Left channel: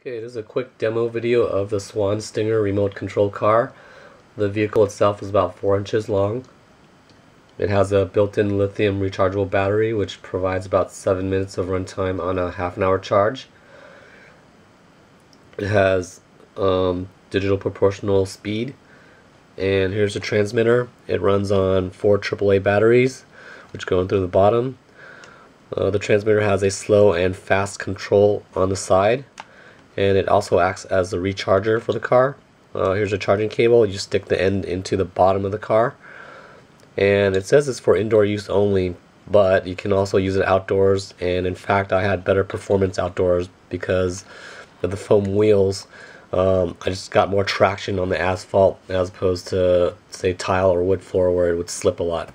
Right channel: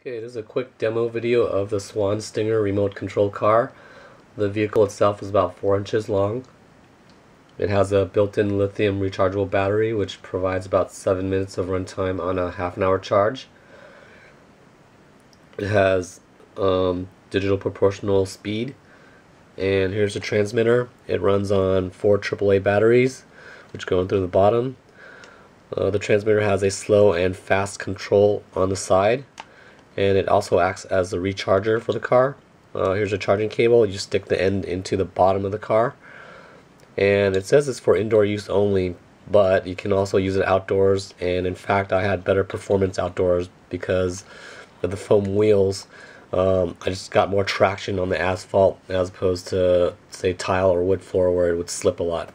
Okay, this is a quick demo video of the Swann Stinger remote control car. The vehicle itself is about 4 inches long. It has a built-in lithium rechargeable battery which provides about 7 minutes of runtime on a half-an-hour charge. It has digital proportional speed, and here's the transmitter. It runs on 4 AAA batteries which go in through the bottom. The transmitter has a slow and fast control on the side, and it also acts as a recharger for the car. Here's a charging cable. You stick the end into the bottom of the car, and it says it's for indoor use only, but you can also use it outdoors. And in fact, I had better performance outdoors because of the foam wheels. I just got more traction on the asphalt as opposed to, say, tile or wood floor where it would slip a lot.